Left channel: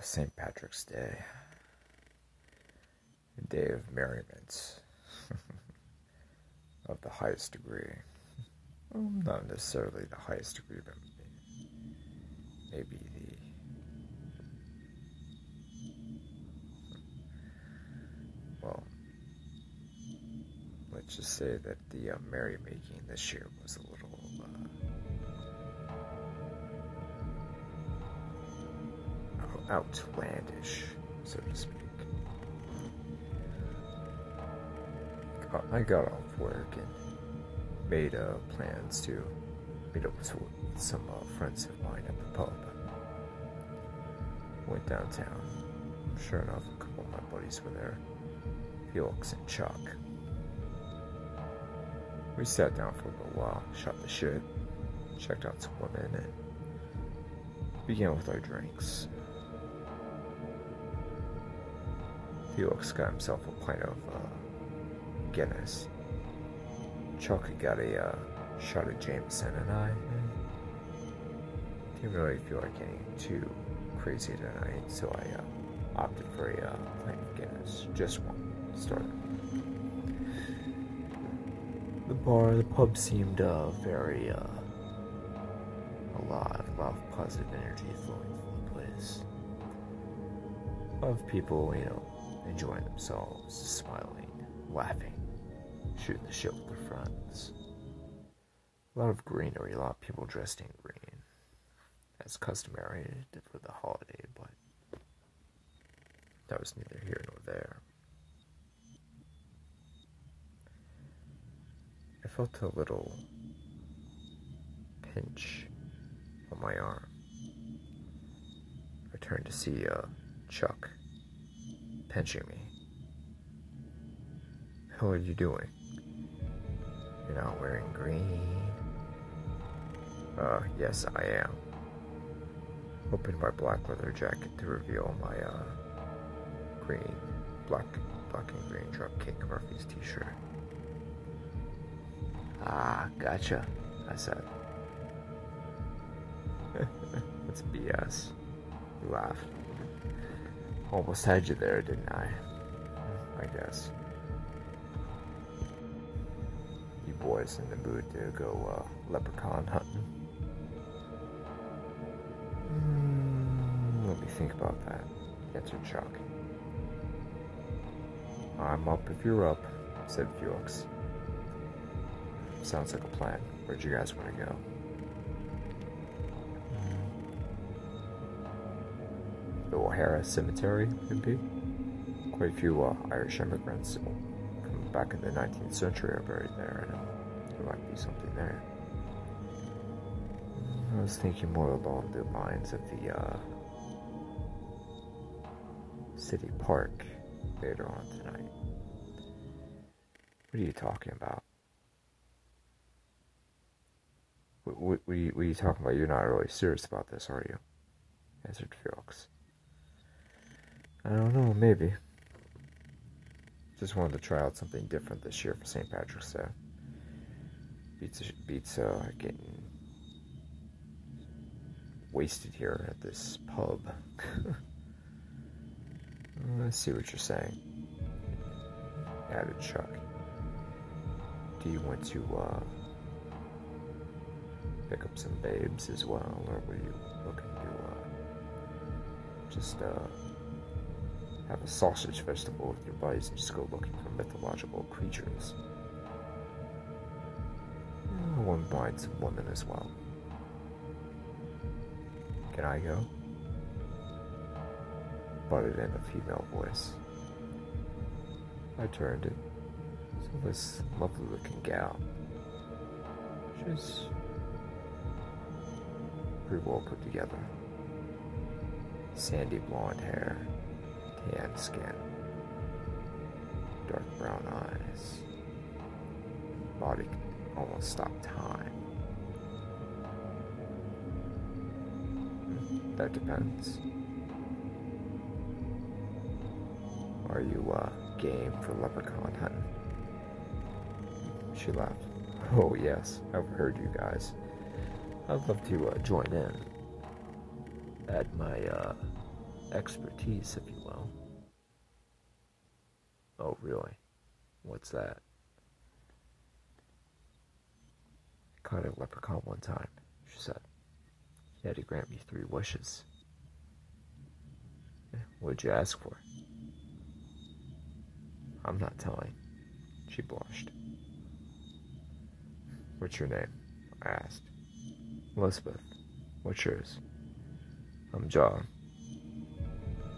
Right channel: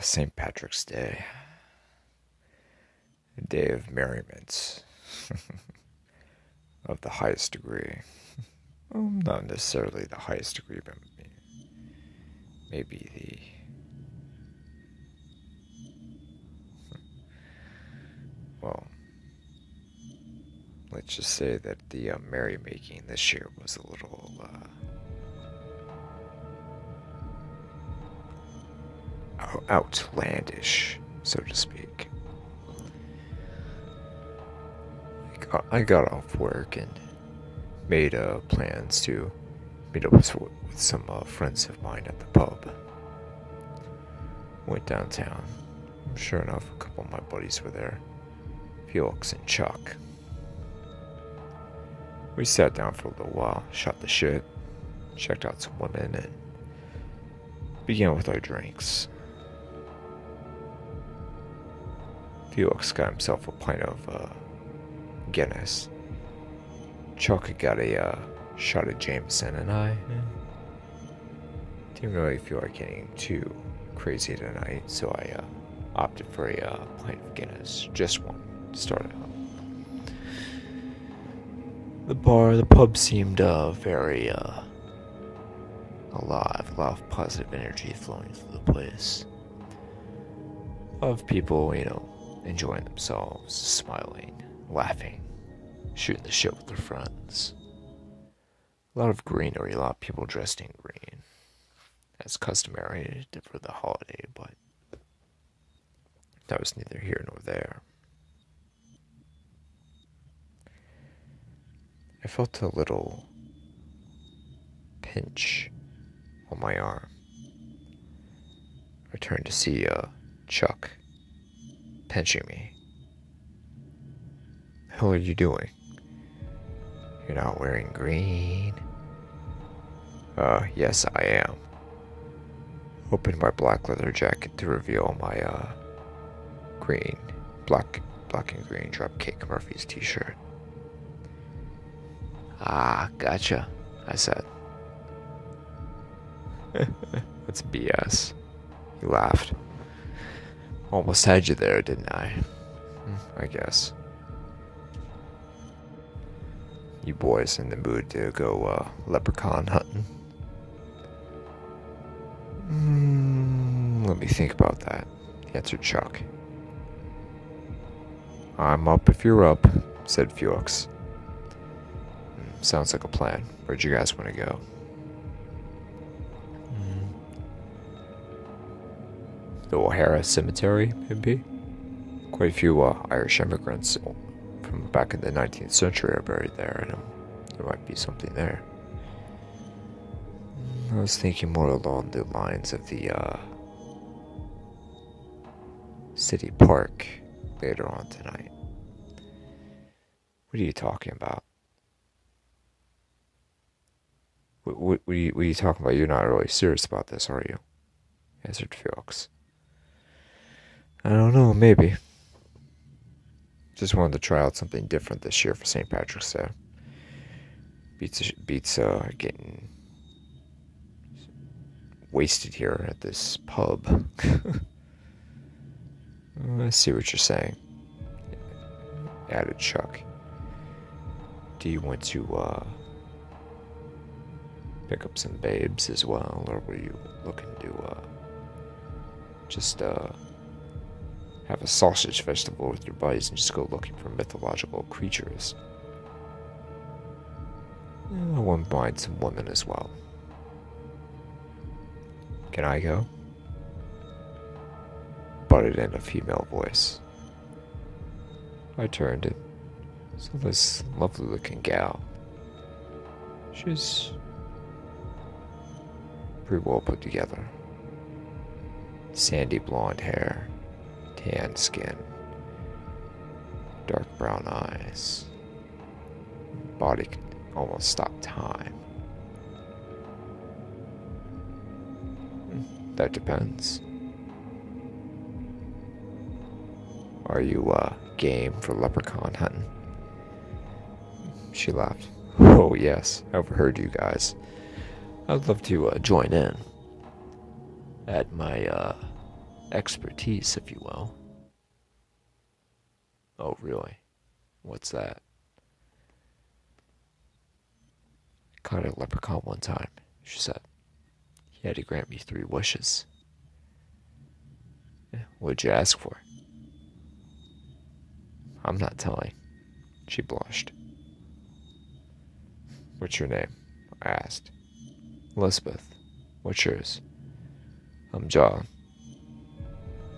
St. Patrick's Day. A day of merriment of the highest degree. Well, not necessarily the highest degree, but maybe well, let's just say that the merrymaking this year was a little, outlandish, so to speak. I got off work and made plans to meet up with some friends of mine at the pub. Went downtown. Sure enough, a couple of my buddies were there. Felix and Chuck. We sat down for a little while, shot the shit, checked out some women, and began with our drinks. Felix got himself a pint of Guinness. Chuck got a shot of Jameson, and I didn't really feel like getting too crazy tonight, so I opted for a pint of Guinness, just one, to start out. The pub seemed very alive, a lot of positive energy flowing through the place. A lot of people, enjoying themselves, smiling, laughing, shooting the shit with their friends. A lot of greenery, a lot of people dressed in green, as customary for the holiday, but that was neither here nor there. I felt a little pinch on my arm. I turned to see Chuck pinching me. The hell are you doing? You're not wearing green? Yes, I am. Opened my black leather jacket to reveal my black and green Dropkick Murphys t-shirt. Ah, gotcha, I said. That's BS. He laughed. Almost had you there, didn't I? I guess. You boys in the mood to go leprechaun hunting? Let me think about that, answered Chuck. I'm up if you're up, said Felix. Sounds like a plan. Where'd you guys want to go? The O'Hara Cemetery, maybe? Quite a few Irish immigrants from back in the 19th century are buried there. There might be something there. I was thinking more along the lines of the city park later on tonight. What are you talking about? What are you talking about? You're not really serious about this, are you? Answered Felix. I don't know, maybe. Just wanted to try out something different this year for St. Patrick's Day. Beats getting wasted here at this pub. I see what you're saying, added Chuck. Do you want to pick up some babes as well, or were you looking to just have a sausage festival with your buddies and just go looking for mythological creatures? I wouldn't mind some women as well. Can I go? Butted in a female voice. I turned and saw this lovely looking gal. She's pretty well put together. Sandy blonde hair, tan skin, dark brown eyes. Body could almost stop time. That depends. Are you game for leprechaun hunting? She laughed. Oh yes, I overheard you guys. I'd love to join in. Add my expertise, if you will. Oh, really? What's that? I caught a leprechaun one time, she said. He had to grant me 3 wishes. What'd you ask for? I'm not telling. She blushed. What's your name? I asked. Elizabeth. What's yours? I'm John.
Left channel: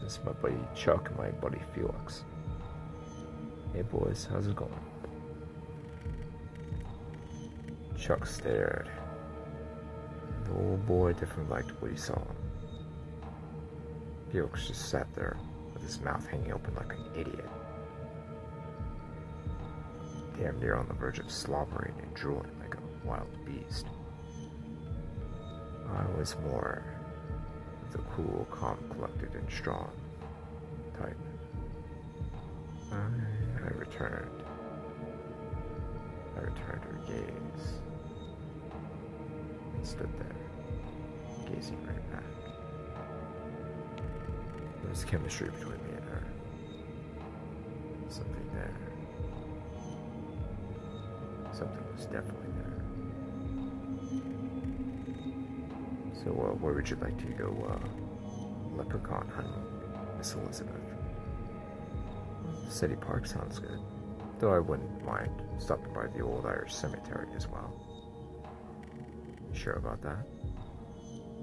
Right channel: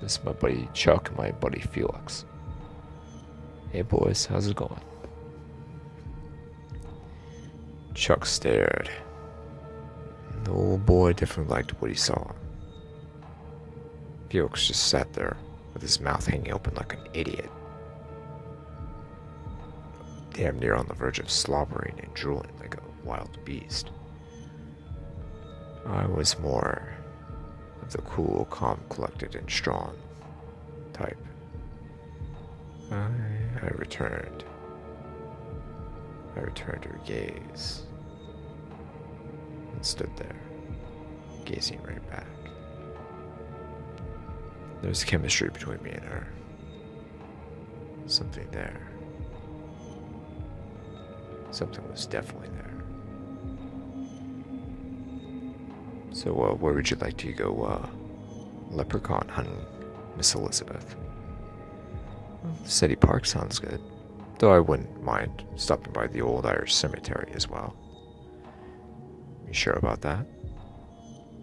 This is my buddy Chuck and my buddy Felix. Hey boys, how's it going? Chuck stared. The old boy definitely liked what he saw. Felix just sat there with his mouth hanging open like an idiot. Damn near on the verge of slobbering and drooling like a wild beast. I was more of the cool, calm, collected, and strong type. I returned. I returned her gaze and stood there, gazing right back. There was chemistry between me and her. Something there. Something was definitely there. So, where would you like to go, leprechaun hunting, Miss Elizabeth? City Park sounds good. Though I wouldn't mind stopping by the old Irish cemetery as well. You sure about that?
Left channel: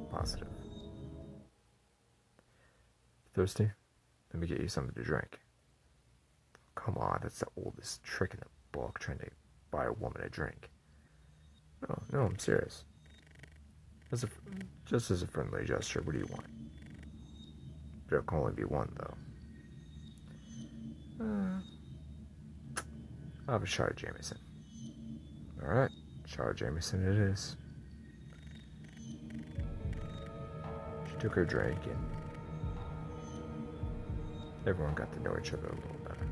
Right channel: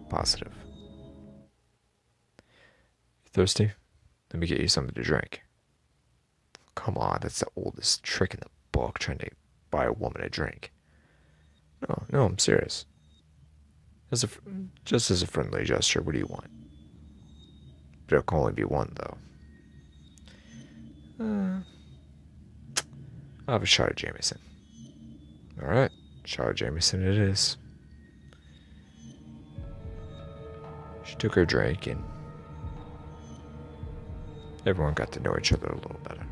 Positive. You thirsty? Let me get you something to drink. Come on, that's the oldest trick in the book, trying to buy a woman a drink. No, I'm serious. Just as a friendly gesture, what do you want? There can only be one, though. I'll have a shot of Jameson. Alright, shot of Jameson it is. She took her drink and everyone got to know each other a little better.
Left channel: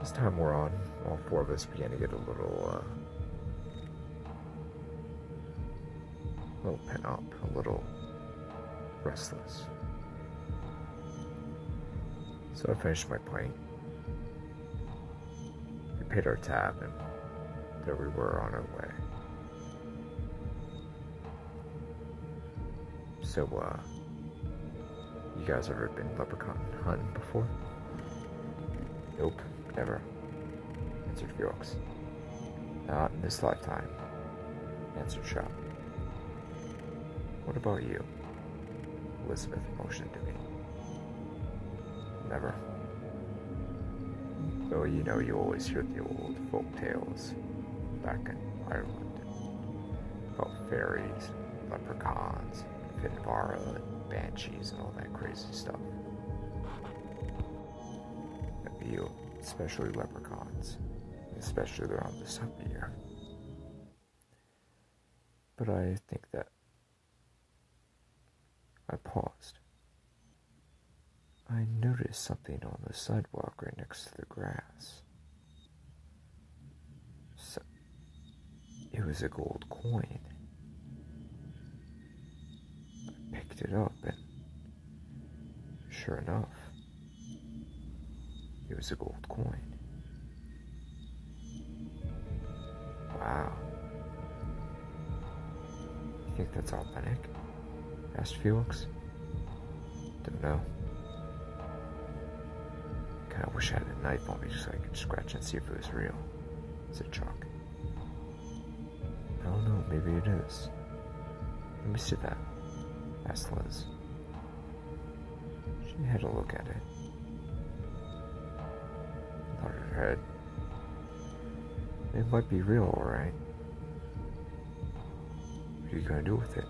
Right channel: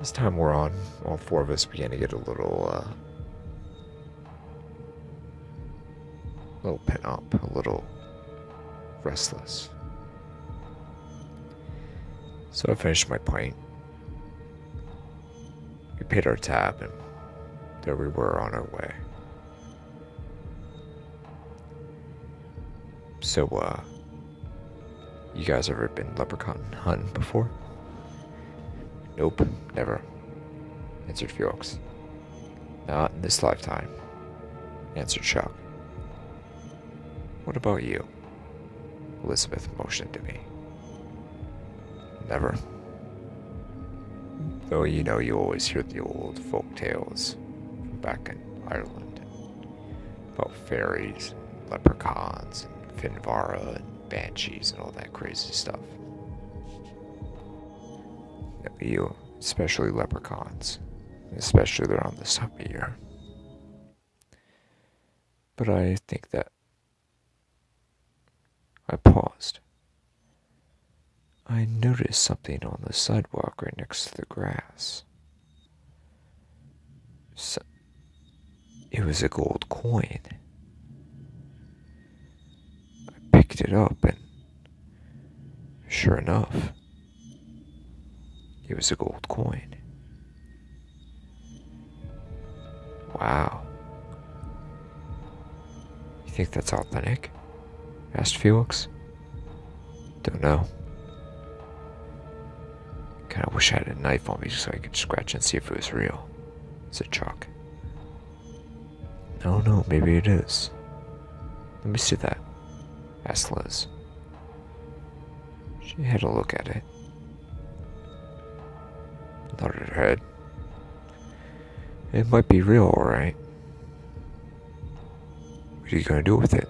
As time wore on, all 4 of us began to get a little pent up, a little restless. So I finished my pint. We paid our tab, and there we were on our way. So, you guys ever been leprechaun hunting before? Nope, never, answered Felix. Not in this lifetime, answered Chuck. What about you? Elizabeth motioned to me. Never. Though you know you always hear the old folk tales from back in Ireland about fairies, and leprechauns, and Finvara, and banshees, and all that crazy stuff. You, especially leprechauns, especially around this time of year. But I think that I paused. I noticed something on the sidewalk right next to the grass. It was a gold coin. I picked it up and sure enough, it was a gold coin. Wow. You think that's authentic? Asked Felix. Don't know. Kinda wish I had a knife on me so I could scratch and see if it was real, said Chuck. I don't know, maybe it is. Let me see that, asked Liz. She had a look at it. Nodded her head. It might be real, alright. What are you gonna do with it?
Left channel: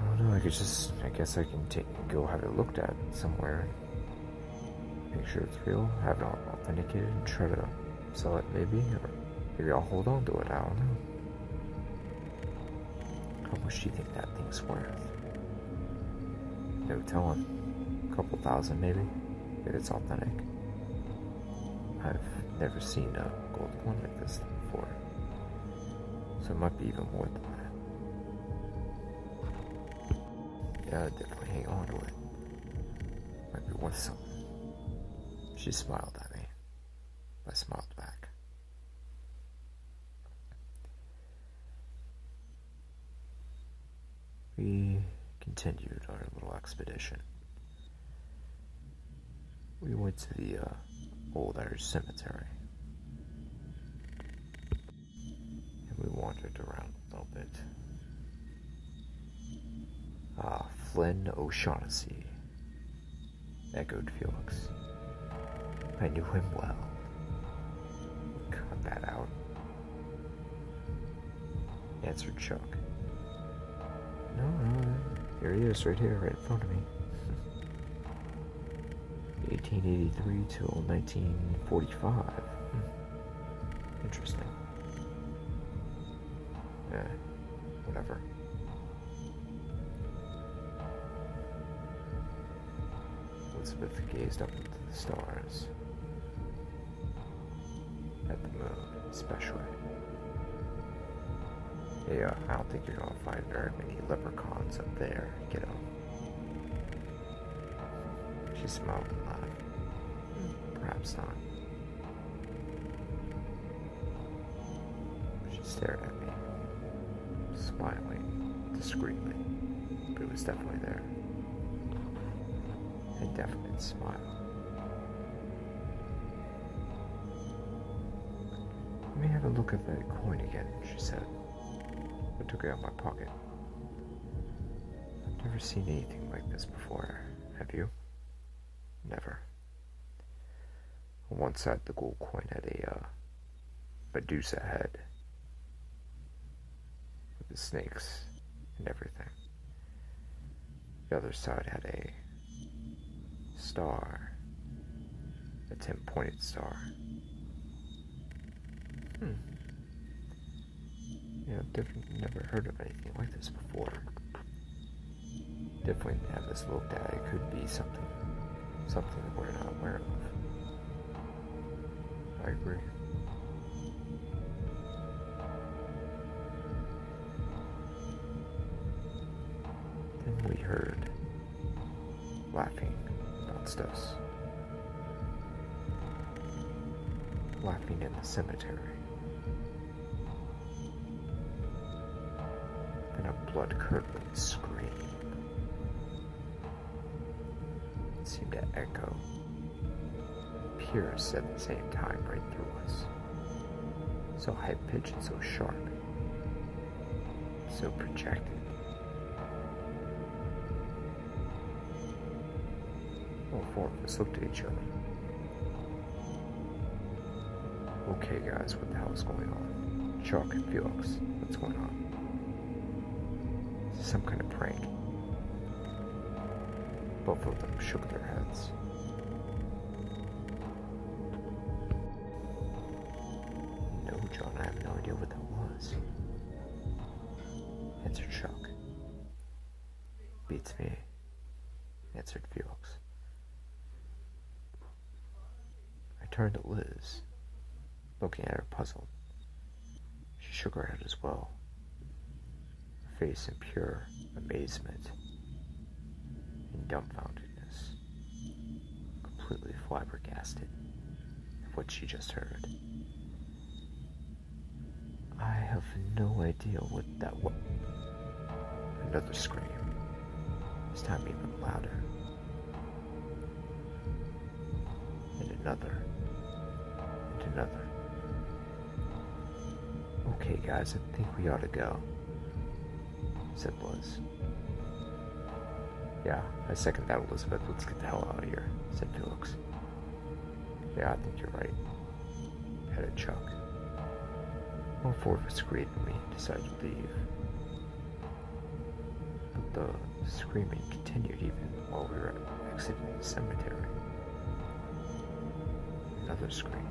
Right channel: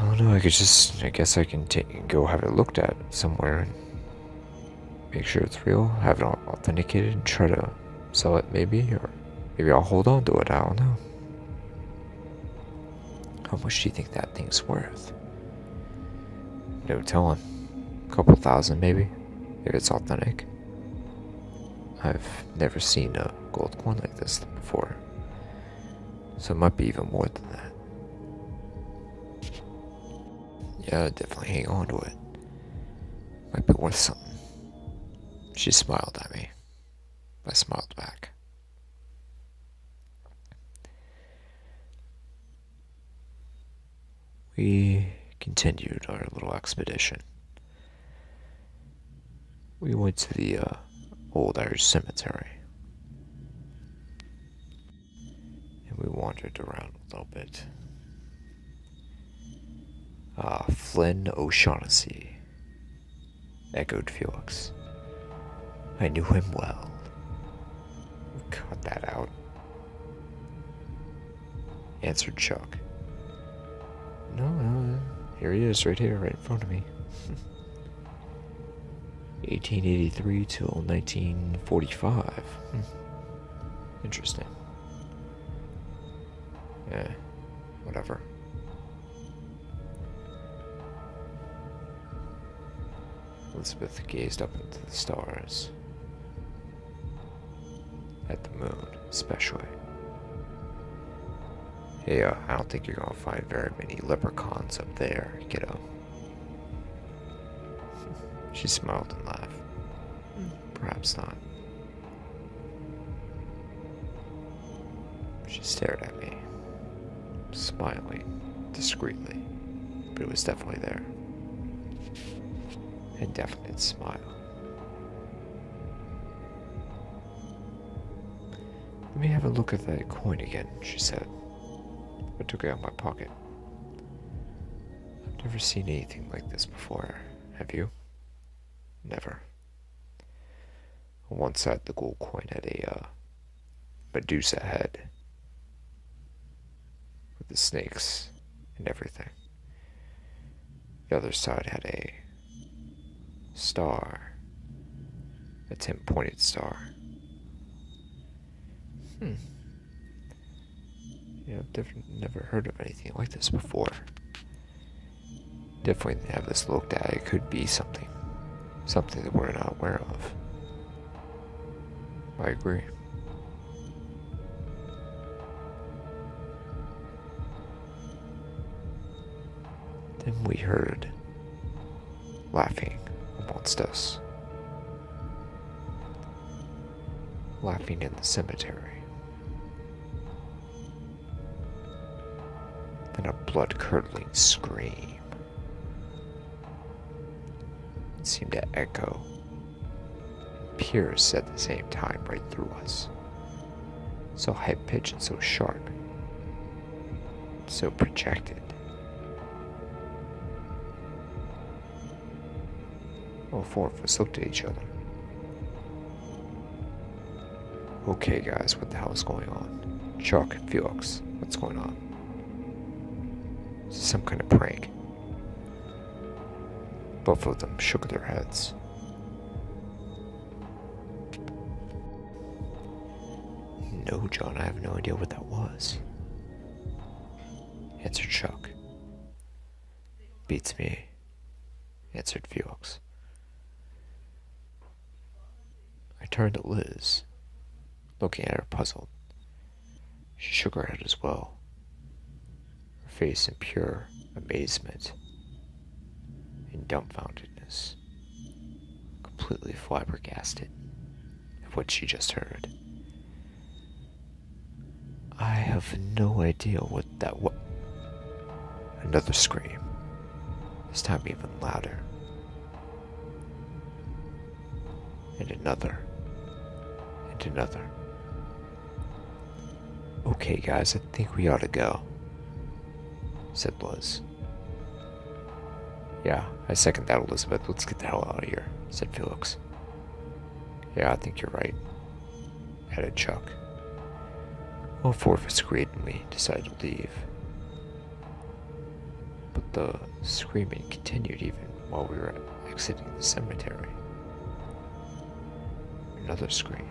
I don't know, I guess I can go have it looked at somewhere and make sure it's real, have it authenticated, and try to sell it maybe, or maybe I'll hold on to it, I don't know. How much do you think that thing's worth? No telling. A couple thousand maybe, if it's authentic. I've never seen a gold coin like this before, so it might be even more than that. Yeah, definitely hang on to it. Might be worth something. She smiled at me. I smiled back. We continued our little expedition. We went to the old Irish cemetery. And we wandered around a little bit. Flynn O'Shaughnessy, echoed Felix. I knew him well. Cut that out, answered Chuck. No, here he is, right here, right in front of me. 1883 till 1945. Interesting. Whatever. Elizabeth gazed up into the stars. At the moon, especially. Hey, I don't think you're gonna find very many leprechauns up there, kiddo. She smiled and laughed. Perhaps not. She stared at me, smiling discreetly, but it was definitely there. And definitely smile. Let me have a look at that coin again, she said. I took it out of my pocket. I've never seen anything like this before. Have you? Never. On one side, the gold coin had a Medusa head with the snakes and everything. The other side had a star, a 10-pointed star. Yeah, I've definitely never heard of anything like this before. Definitely have this looked at. It could be something that we're not aware of. I agree. Then we heard laughing amongst us. Laughing in the cemetery. Then a blood-curdling scream. It seemed to echo and pierce at the same time right through us. So high-pitched and so sharp. So projected. All four of us looked at each other. Okay, guys, what the hell is going on? Chuck and Felix, what's going on? Is this some kind of prank? Both of them shook their heads. No, John, I have no idea what that was, answered Chuck. Beats me, answered Felix. I turned to Liz, looking at her puzzled. She shook her head as well, her face in pure amazement and dumbfoundedness, completely flabbergasted at what she just heard. I have no idea what that was. Another scream, this time even louder. And another. And another. Okay, guys, I think we ought to go, said Liz. Yeah, I second that, Elizabeth. Let's get the hell out of here, said Felix. Yeah, I think you're right, added Chuck. All four of us agreed and we decided to leave. But the screaming continued even while we were exiting the cemetery. Another scream.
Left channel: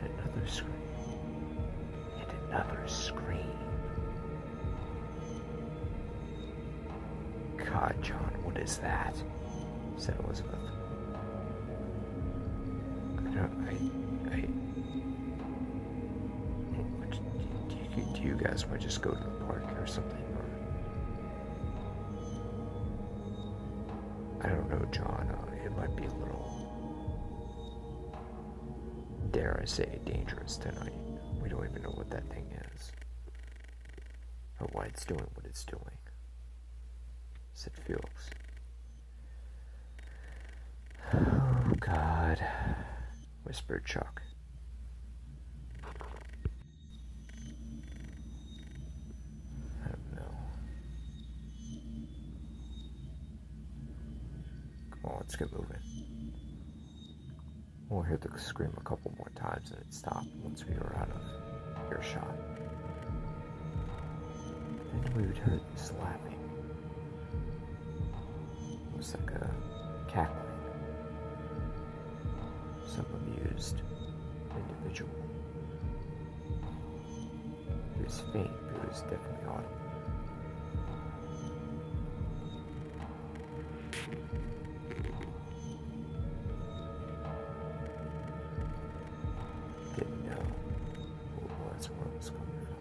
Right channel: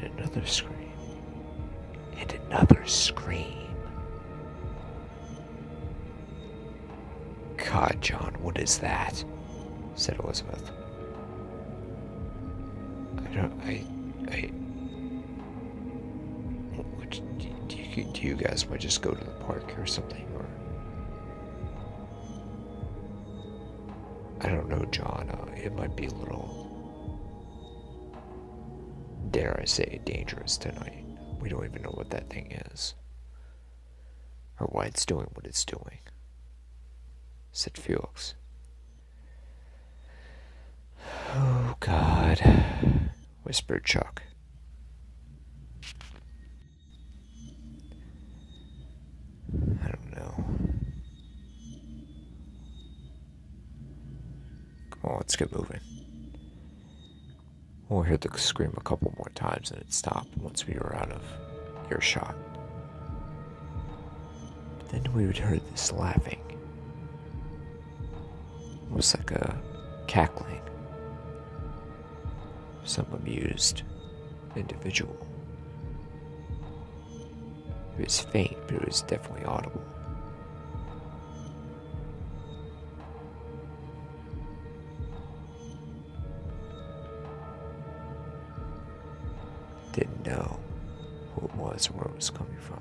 And another scream. And another scream. God, John, what is that? Said Elizabeth. Do you guys want to just go to the park or something? Or I don't know, John. It might be a little, dare I say, dangerous tonight. We don't even know what that thing is. Or why it's doing what it's doing, said Felix. Oh, God, whispered Chuck. I don't know. Come on, let's get moving. We'll hear the scream a couple more times and it stopped once we were out of earshot. But then we would hear this laughing. It was like a cackling. Some amused individual. It was faint, but it was definitely audible. Didn't know who it was or where it was coming from.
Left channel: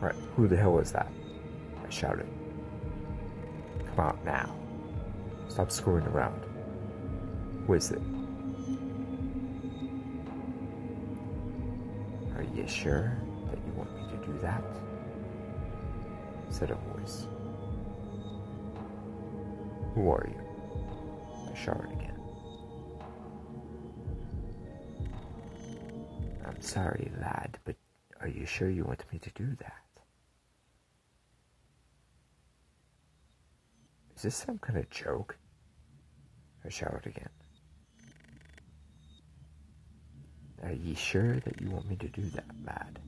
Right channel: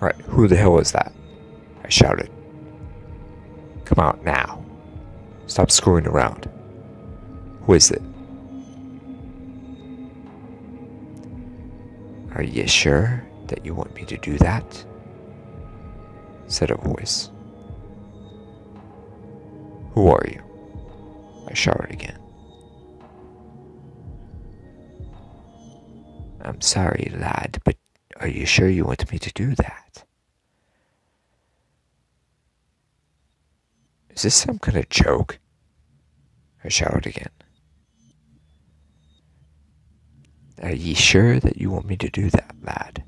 Right, who the hell was that? I shouted. Come out now. Stop screwing around. Who is it? Are you sure that you want me to do that? Said a voice. Who are you? I shouted again. I'm sorry, lad, but are you sure you want me to do that? Is this some kind of joke? I shouted again. Are ye sure that you want me to do that, lad?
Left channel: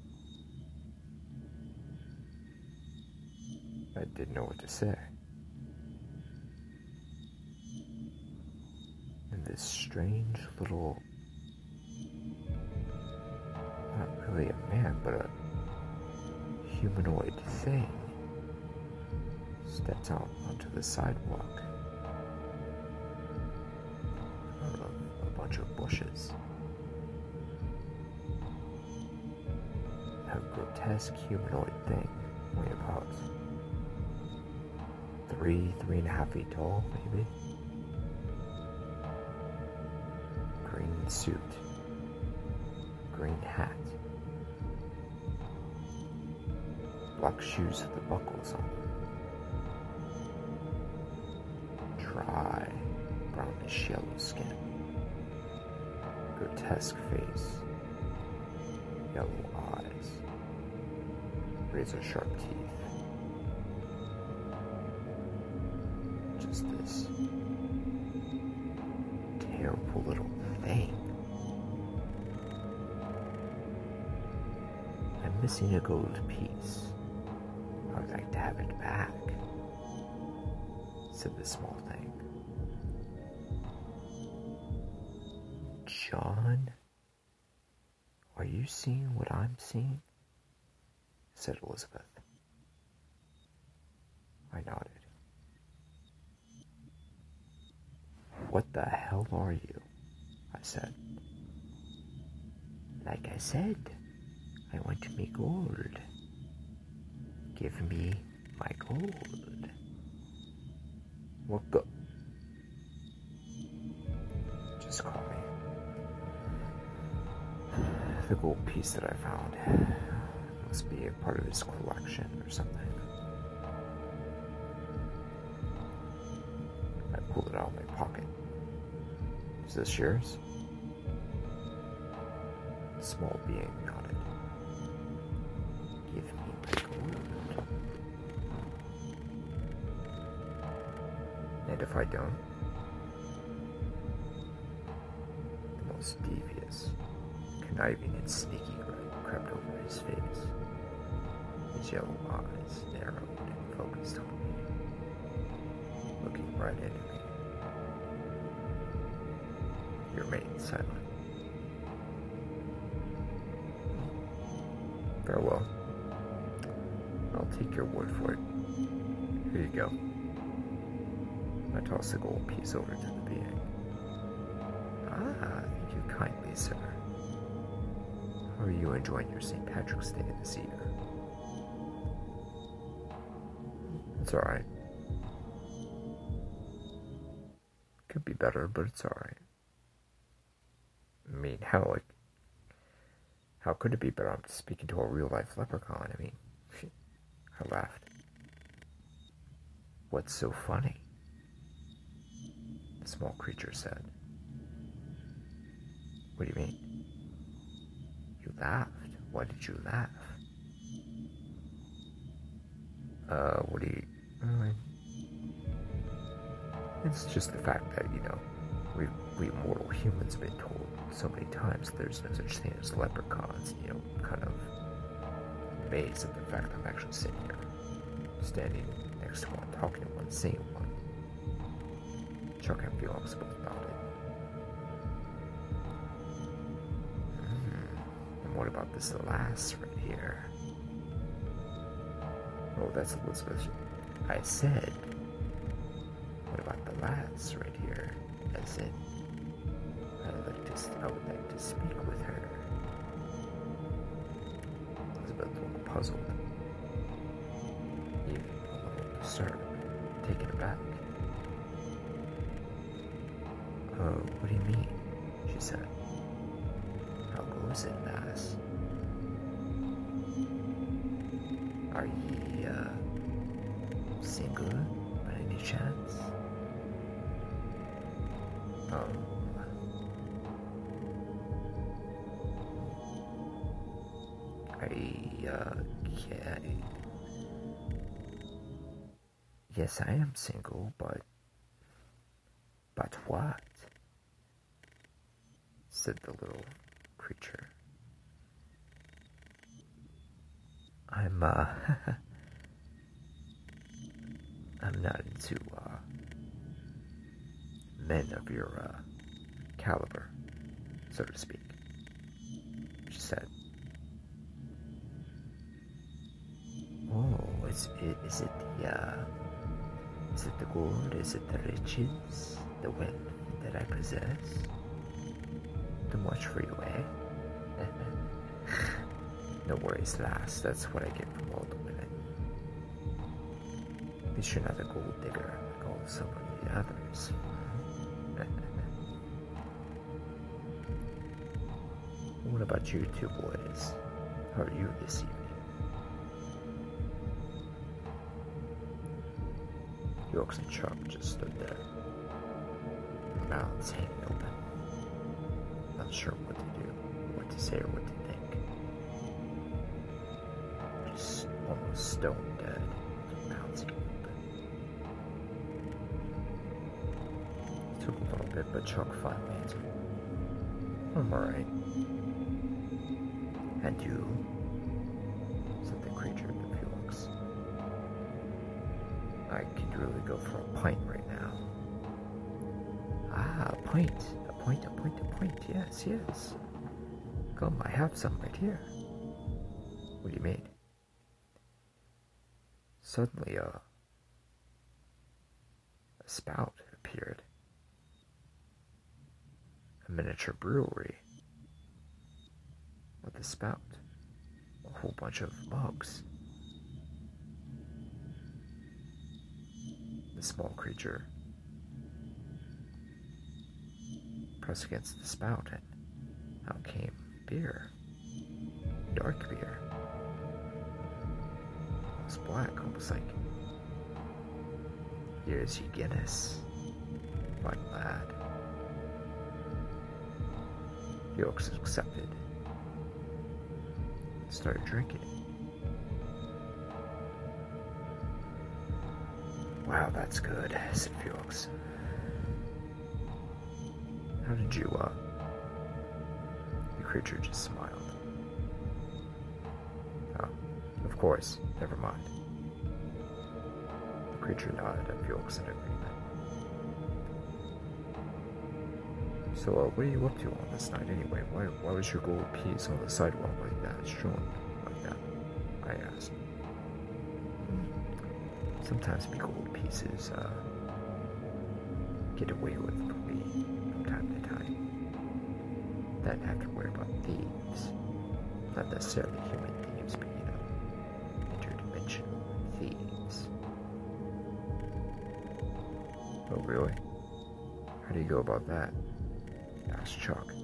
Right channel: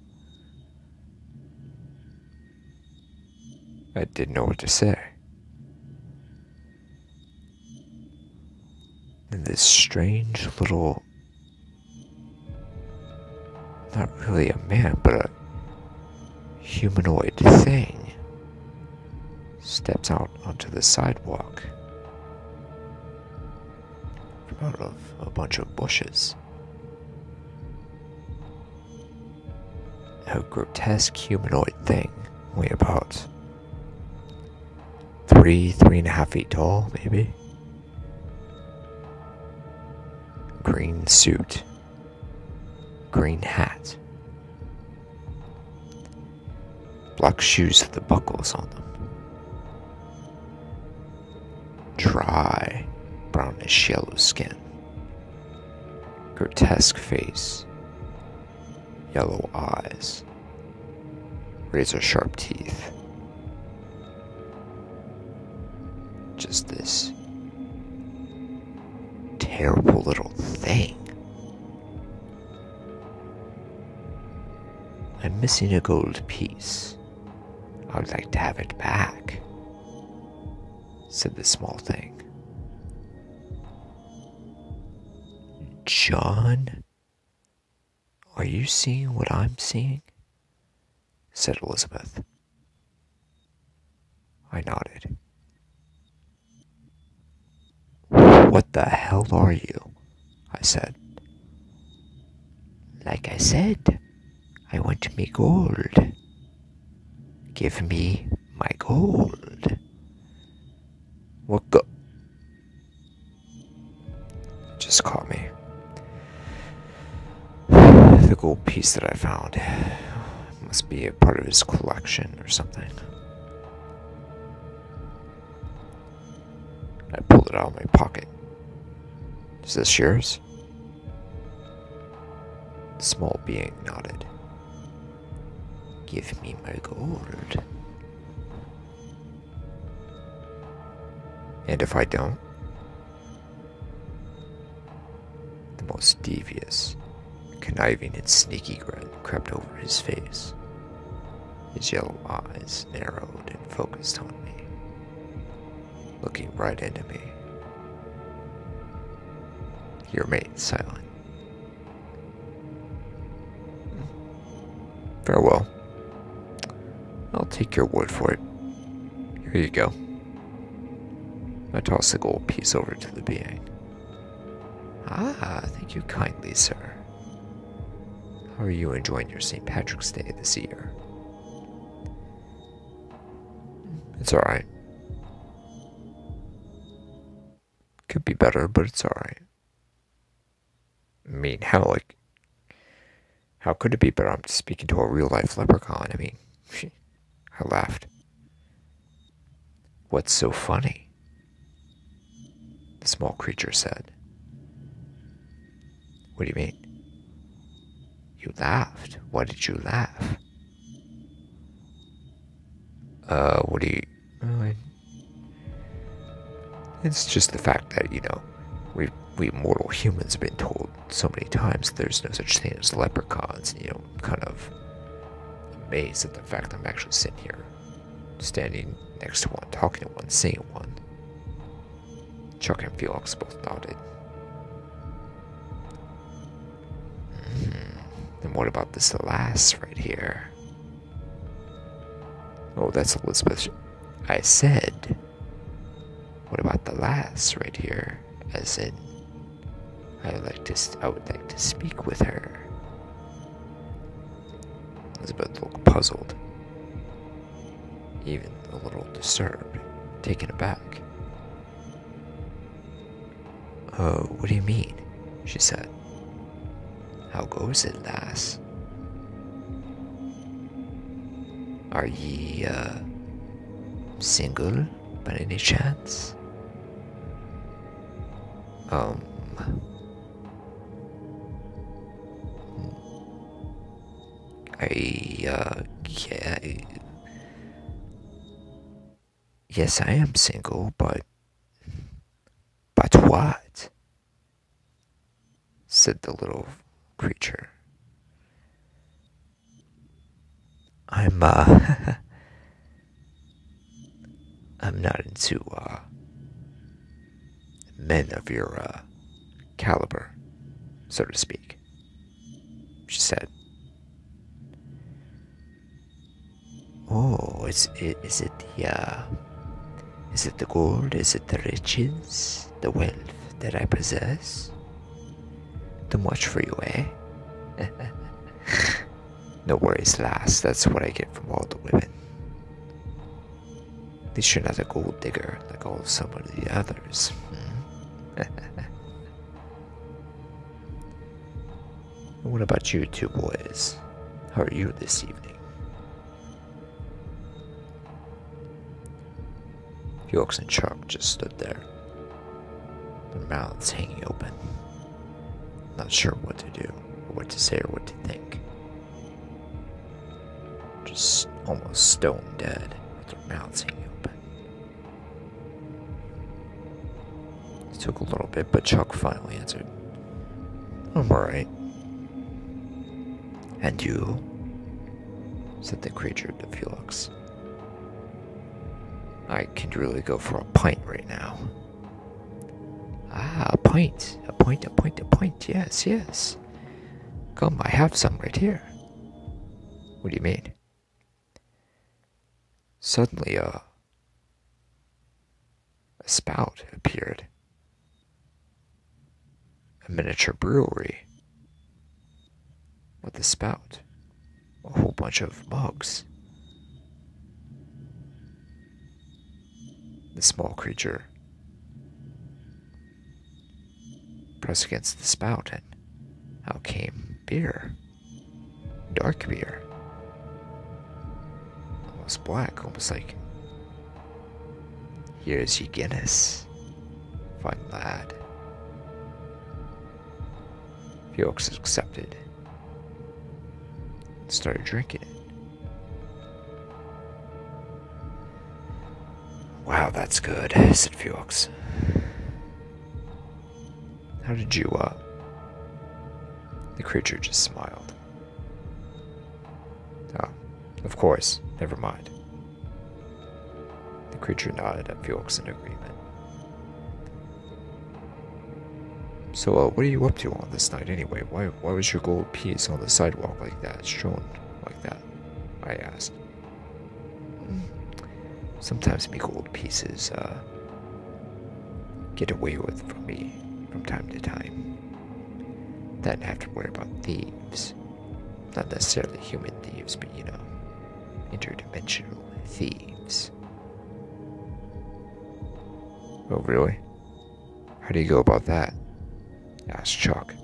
I didn't know what to say. And this strange little, not really a man, but a humanoid thing steps out onto the sidewalk out of a bunch of bushes. A grotesque humanoid thing, only about 3.5 feet tall, maybe. Green suit, green hat, black shoes with the buckles on them. Dry, brownish yellow skin. Grotesque face. Yellow eyes. Razor sharp teeth. Just this terrible little thing. I'm missing a gold piece. I would like to have it back, said the small thing. John, are you seeing what I'm seeing? Said Elizabeth. I nodded. What the hell are you? I said. Like I said, I want me gold. Give me my gold. What go? Just caught me. The gold piece that I found must be a part of his collection or something. I pulled it out of my pocket. Is this yours? The small being nodded. Give me my gold. And if I don't? The most devious, conniving and sneaky grin crept over his face. His yellow eyes narrowed and focused on me, looking right into me. He remained silent. Farewell. I'll take your word for it. Here you go. I tossed the gold piece over to the being. Ah, thank you kindly, sir. How are you enjoying your St. Patrick's Day this year? It's alright. Could be better, but it's alright. I mean, how could it be better? I'm just speaking to a real life leprechaun. I mean, I laughed. What's so funny? The small creature said. What do you mean? You laughed. Why did you laugh? What do you... Really? It's just the fact that, we mortal humans have been told so many times there's no such thing as leprechauns. Kind of amazed at the fact that I'm actually sitting here, standing next to one, talking to one, seeing one. Chuck and Felix both nodded. And what about this lass right here? Oh, that's Elizabeth. I said, what about the lass right here? As in, I would like to speak with her. Elizabeth looked puzzled, even a little disturbed, taken aback. Oh, what do you mean? She said. How goes it, lass? Are ye, single by any chance? Yeah. Yes, I am single, but what? Said the little creature. I'm I'm not into, men of your, caliber, so to speak, she said. Oh, is it the gold? Is it the riches? The wealth that I possess? Too much for you, eh? No worries, lass. That's what I get from all the women. At least you're not a gold digger like some of the others. What about you two boys? How are you this evening? Felix and Chuck just stood there, their mouths hanging open, not sure what to do, or what to say, or what to think. Just almost stone dead, with their mouths hanging open. It took a little bit, but Chuck finally answered. I'm alright. And you? Said the creature to Felix. I can really go for a pint right now. Ah, a pint. A pint. Yes. Come, I have some right here. What do you mean? Suddenly, a spout appeared. A miniature brewery. With a spout. A whole bunch of mugs. The small creature pressed against the spout, and out came beer. Dark beer. Almost black, almost like, here's your Guinness, fine lad. Felix accepted and started drinking it. Wow, that's good, said Felix. How did you, The creature just smiled. Oh, of course, never mind. The creature nodded at Felix in agreement. So, what are you up to on this night anyway? Why was your gold piece on the sidewalk like that, strewn like that? I asked. Sometimes me gold pieces, get away with from me from time to time. Then have to worry about thieves. Not necessarily human thieves, but interdimensional thieves. Oh, really? How do you go about that? Asked Chuck.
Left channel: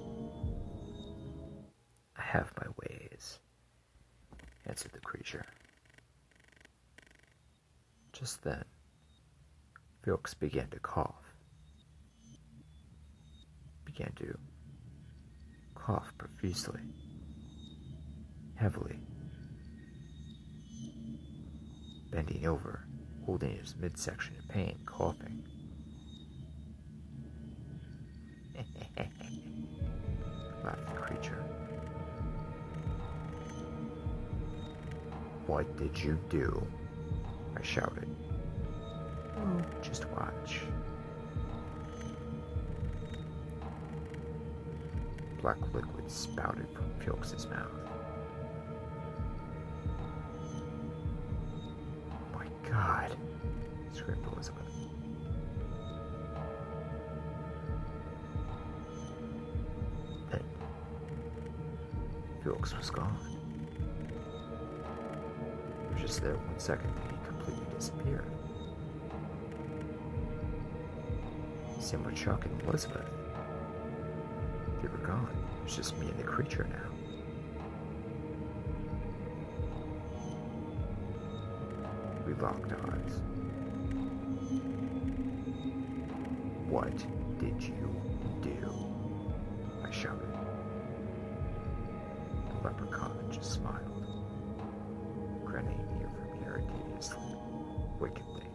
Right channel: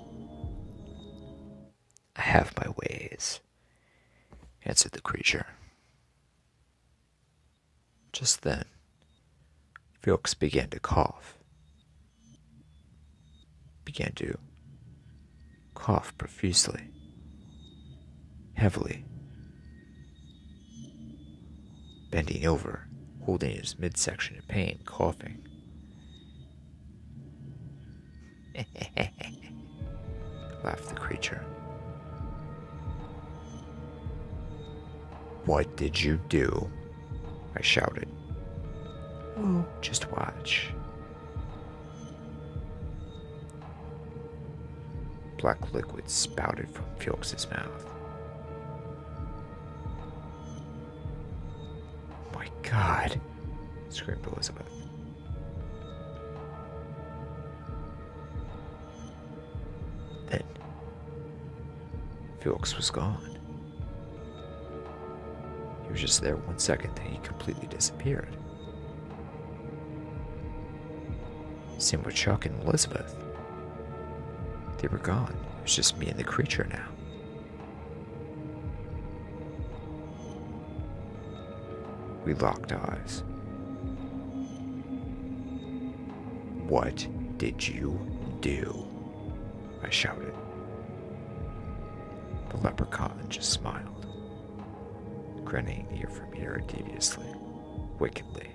I have my ways, answered the creature. Just then, Felix began to cough. Began to cough profusely, heavily, bending over, holding his midsection in pain, coughing. Laughed the creature. What did you do? I shouted. Oh, just watch. Black liquid spouted from Felix's mouth. My God, screamed Elizabeth. Then, Felix was gone. He was just there 1 second, then he completely disappeared. Same with Chuck and Elizabeth. They were gone. It was just me and the creature now. We locked eyes. What did you do? I shouted. The leprechaun just smiled, grinning ear from ear deviously, wickedly.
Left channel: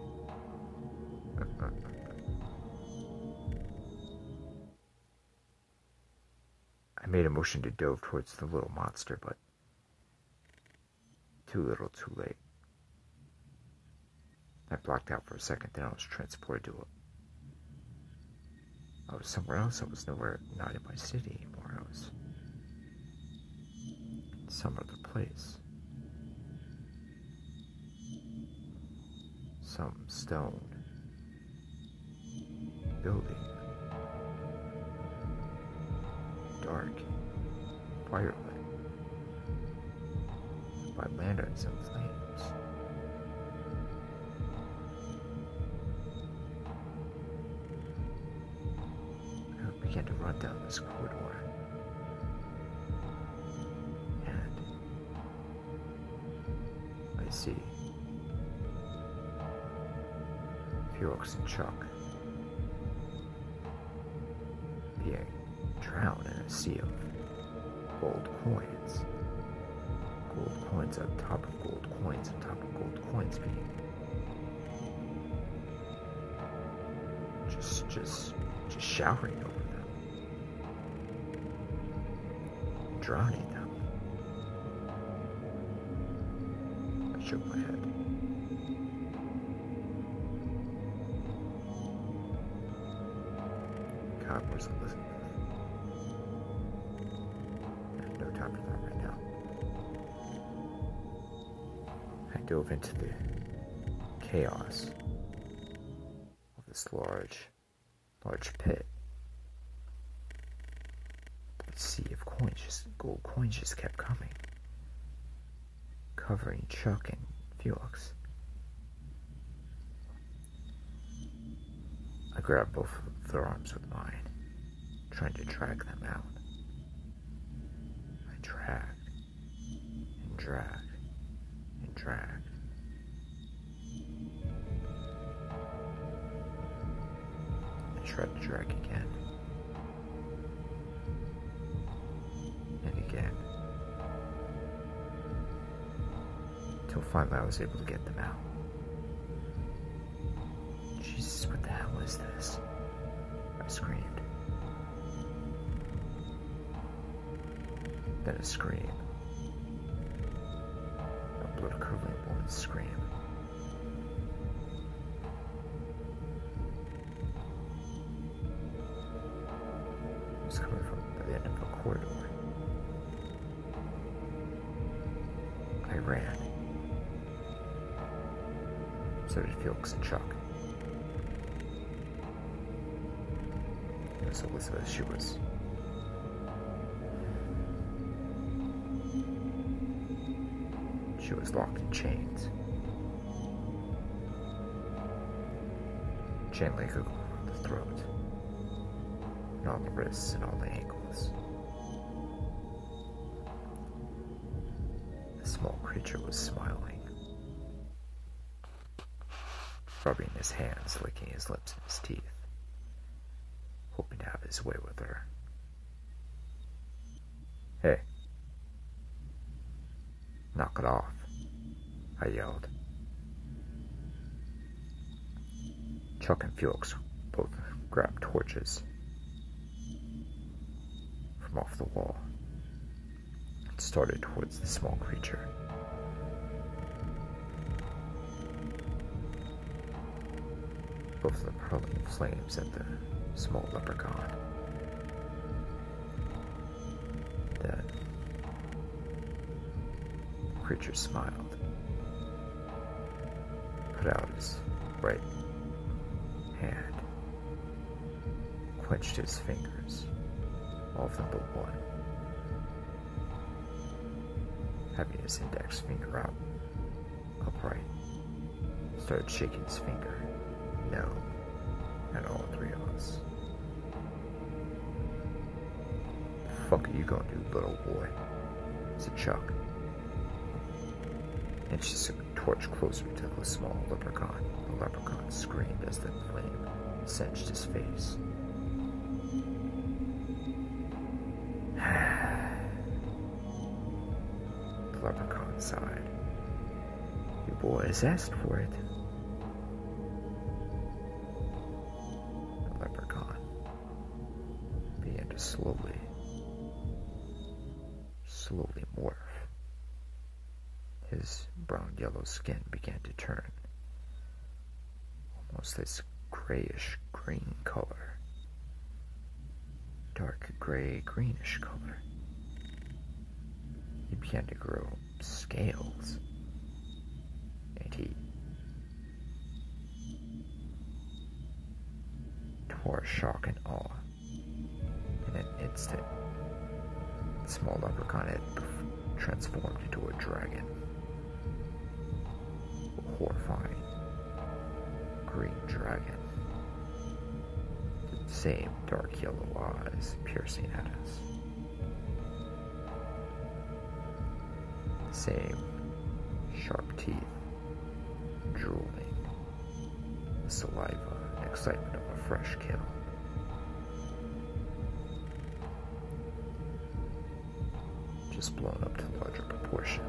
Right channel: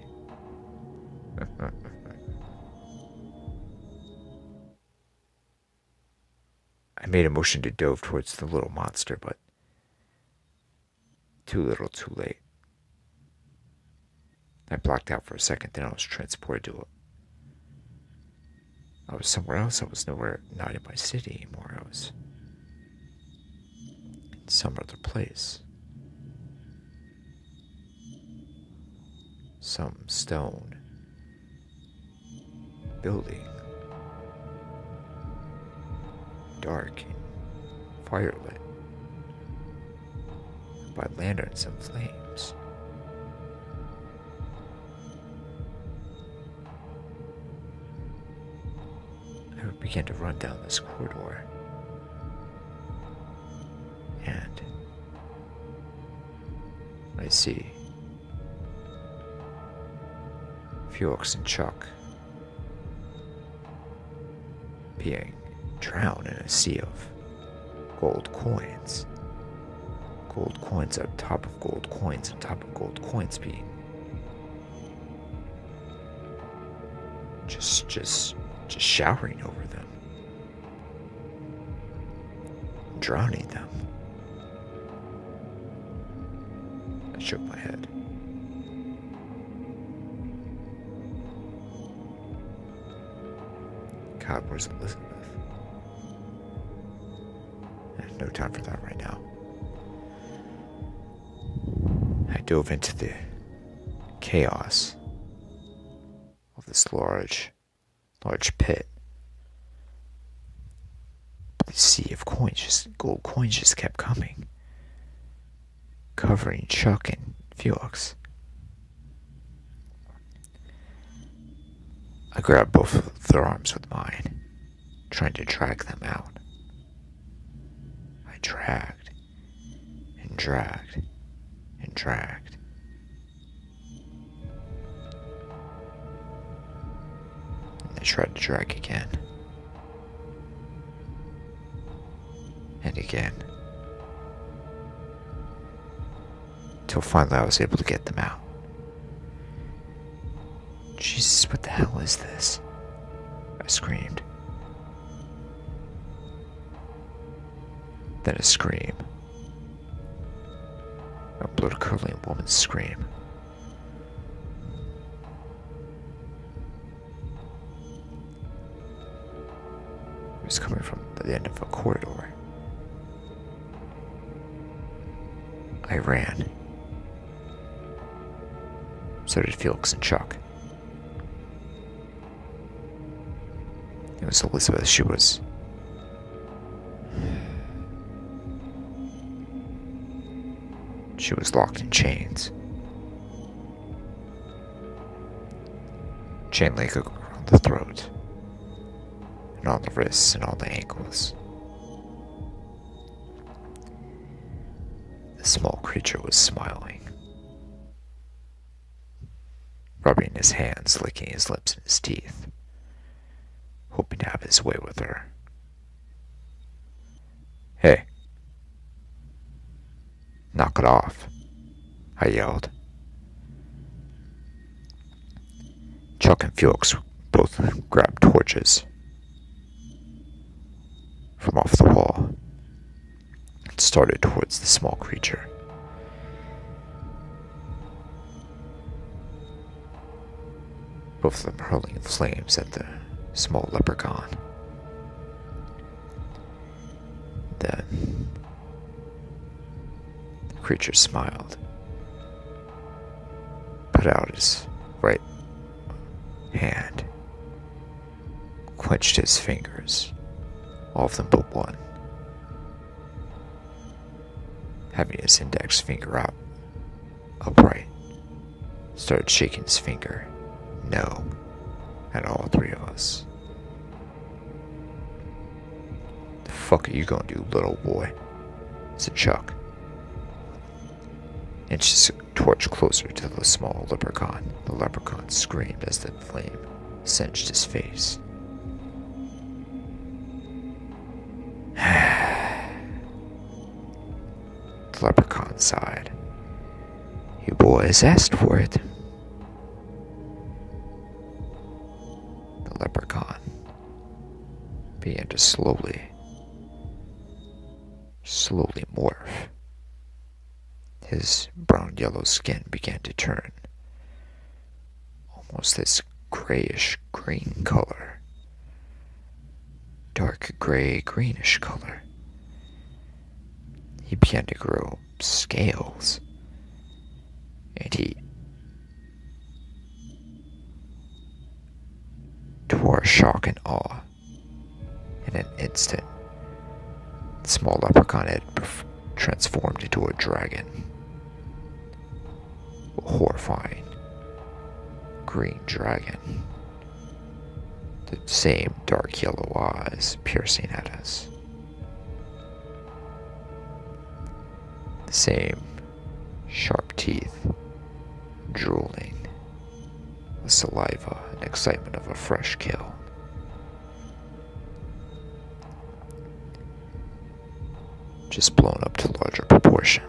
I made a motion to dove towards the little monster, but too little, too late. I blacked out for a second, then I was transported to it. I was somewhere else. I was nowhere, not in my city anymore. I was in some other place. Some stone building. Dark and firelit by lanterns and flames. I began to run down this corridor, and I see Felix and Chuck being drowned in a sea of gold coins. Gold coins on top of gold coins on top of gold coins being just showering over them, drowning them. I shook my head. God, where's Elizabeth? I have no time for that right now. I dove into the chaos of this large pit. The sea of coins, just gold coins, just kept coming, covering Chuck and Felix. I grabbed both of their arms with mine, trying to drag them out. I dragged and dragged and dragged. And they tried to drag again. And again. Till finally I was able to get them out. Jesus, what the hell is this? I screamed. Then a scream. A blood-curdling woman's scream. It was coming from the end of a corridor. I ran. So did Felix and Chuck. It was Elizabeth. She was She was locked in chains. Chain link around the throat, and on the wrists and on the ankles. The small creature was smiling, rubbing his hands, licking his lips and his teeth, hoping to have his way with her. "Hey, knock it off," I yelled. Chuck and Felix both grabbed torches from off the wall and started towards the small creature. Both of them hurling flames at the small leprechaun. Then the creature smiled, put out his right hand, clenched his fingers, all of them but one, having his index finger out upright, started shaking his finger no at all three of us. "The fuck are you gonna do, little boy?" said Chuck, and she torch closer to the small leprechaun. The leprechaun screamed as the flame singed his face. The leprechaun sighed. "You boys asked for it." The leprechaun began to slowly morph. His brown-yellow skin began to turn almost this grayish-green color, dark gray-greenish color. He began to grow scales, and to our shock and awe, in an instant, the small leprechaun had transformed into a dragon. A horrifying green dragon. The same dark yellow eyes piercing at us. The same sharp teeth drooling with saliva and excitement of a fresh kill. Just blown up to larger proportion.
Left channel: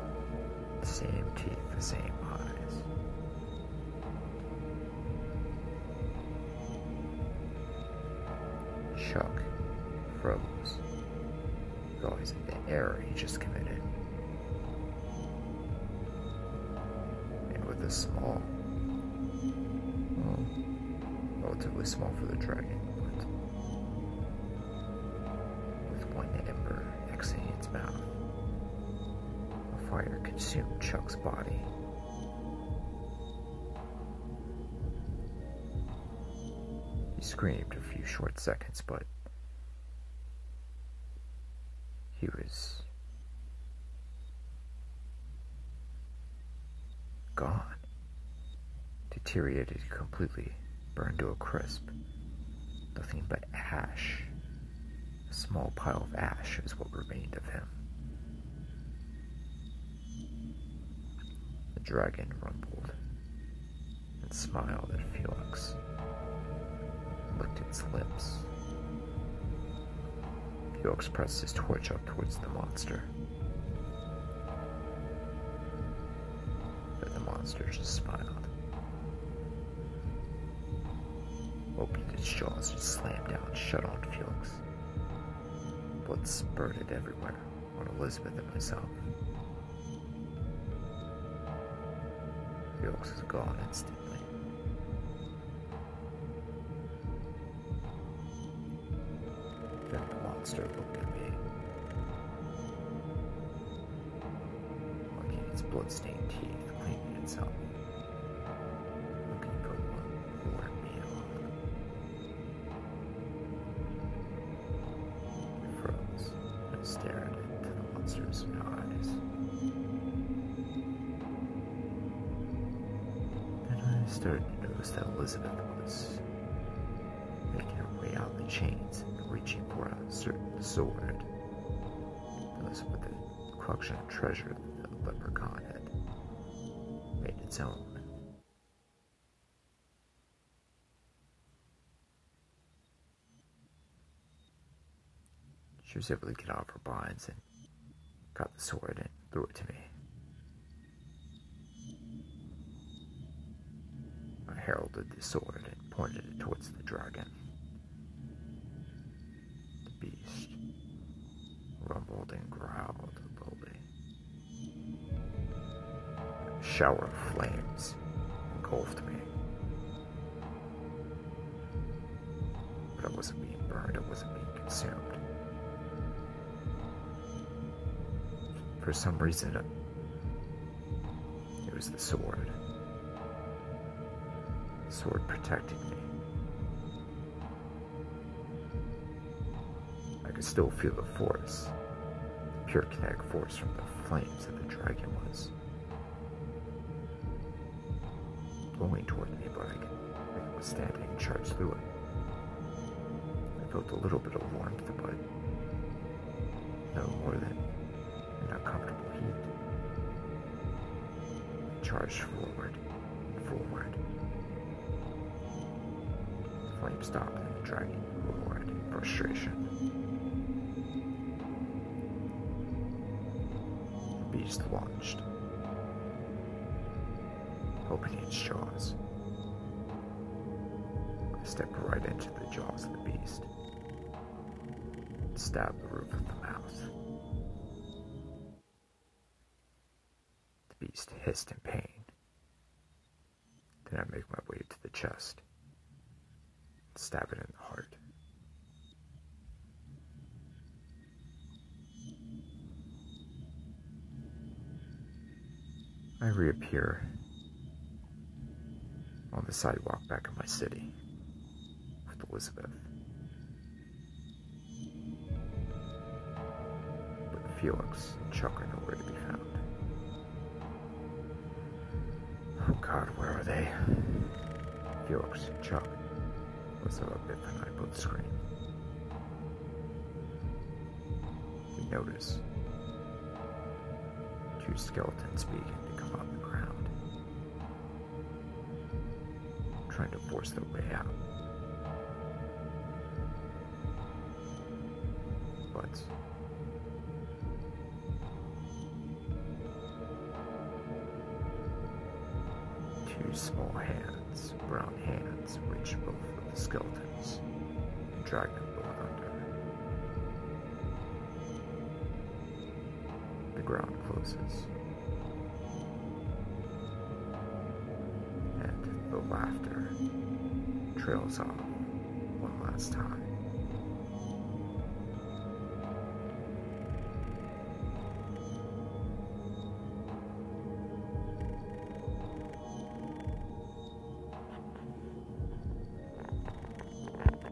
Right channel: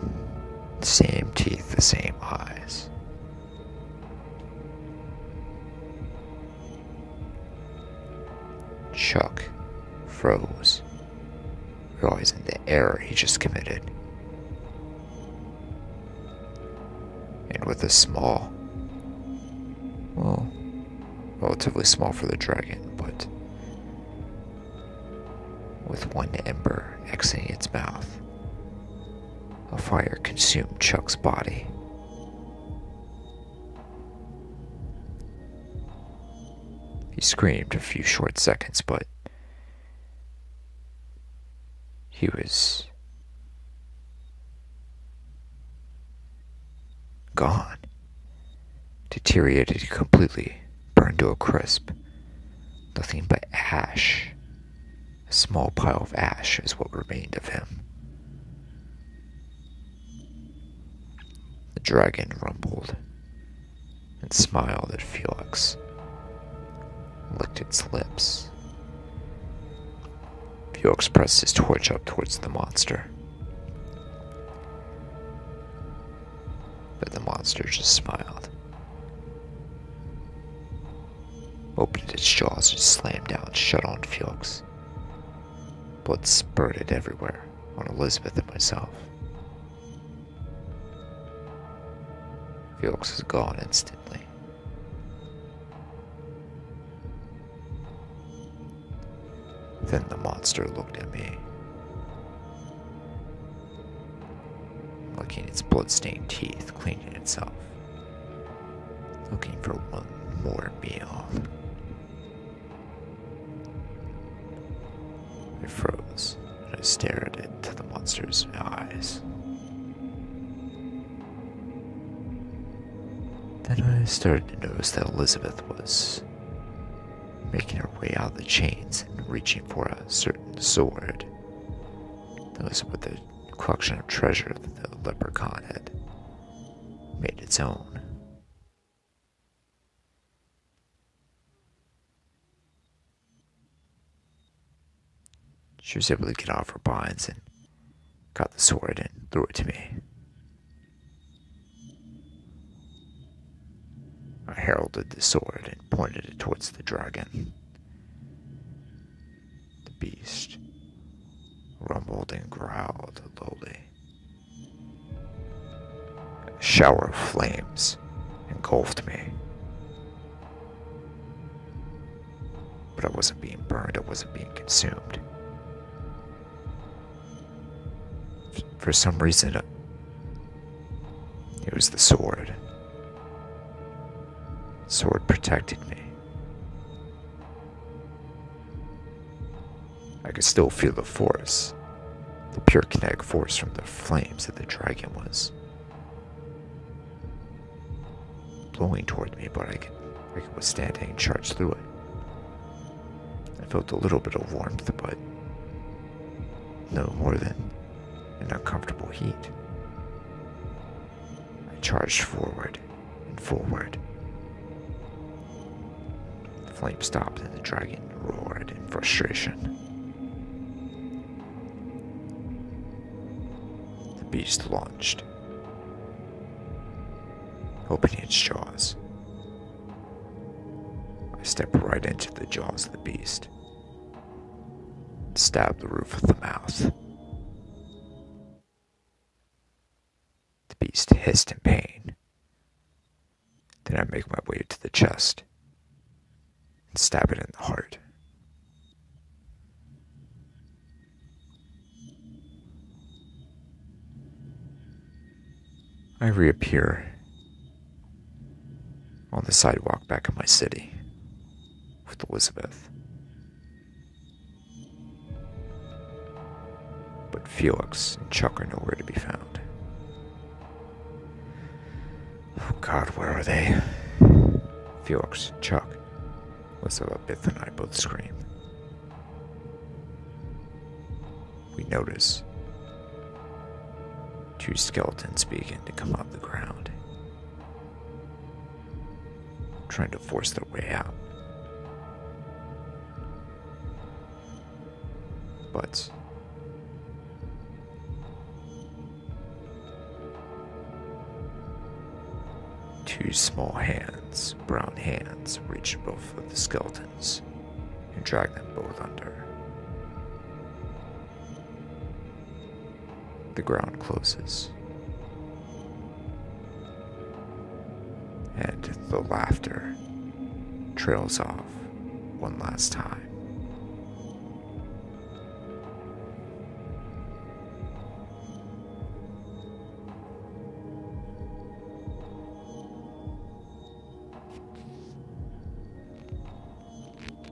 The same teeth, the same eyes. Chuck froze, realizing the error he just committed. And with a small, well, relatively small for the dragon, but with one ember exiting its mouth, a fire consumed Chuck's body. He screamed a few short seconds, but he was gone, deteriorated completely, burned to a crisp. Nothing but ash. A small pile of ash is what remained of him. The dragon rumbled and smiled at Felix, licked its lips. Felix pressed his torch up towards the monster, but the monster just smiled, opened its jaws and slammed down shut on Felix. Blood spurted everywhere on Elizabeth and myself. Felix was gone instantly. Then the monster looked at me, licking its blood-stained teeth, cleaning itself, looking for one more meal. I froze, and I stared into the monster's eyes. I started to notice that Elizabeth was making her way out of the chains and reaching for a certain sword. That was with the collection of treasure that the leprechaun had made its own. She was able to get off her binds and got the sword and threw it to me. I heralded the sword and pointed it towards the dragon. The beast rumbled and growled lowly. A shower of flames engulfed me. But I wasn't being burned, I wasn't being consumed. For some reason, it was the sword. The sword protected me. I could still feel the force, the pure kinetic force from the flames that the dragon was blowing toward me, but I could withstand it and charge through it. I felt a little bit of warmth, but no more than an uncomfortable heat. I charged forward and forward. The flame stopped and the dragon roared in frustration. The beast launched, opening its jaws. I stepped right into the jaws of the beast, and stabbed the roof of the mouth. The beast hissed in pain. Then I make my way to the chest and stab it in the heart. I reappear on the sidewalk back in my city with Elizabeth. But Felix and Chuck are nowhere to be found. Oh God, where are they? Felix and Chuck. Elizabeth and I both scream. We notice two skeletons begin to come out of the ground, trying to force their way out. But two small hands, brown hands, reach both of the skeletons and drag them both under. The ground closes, and the laughter trails off one last time.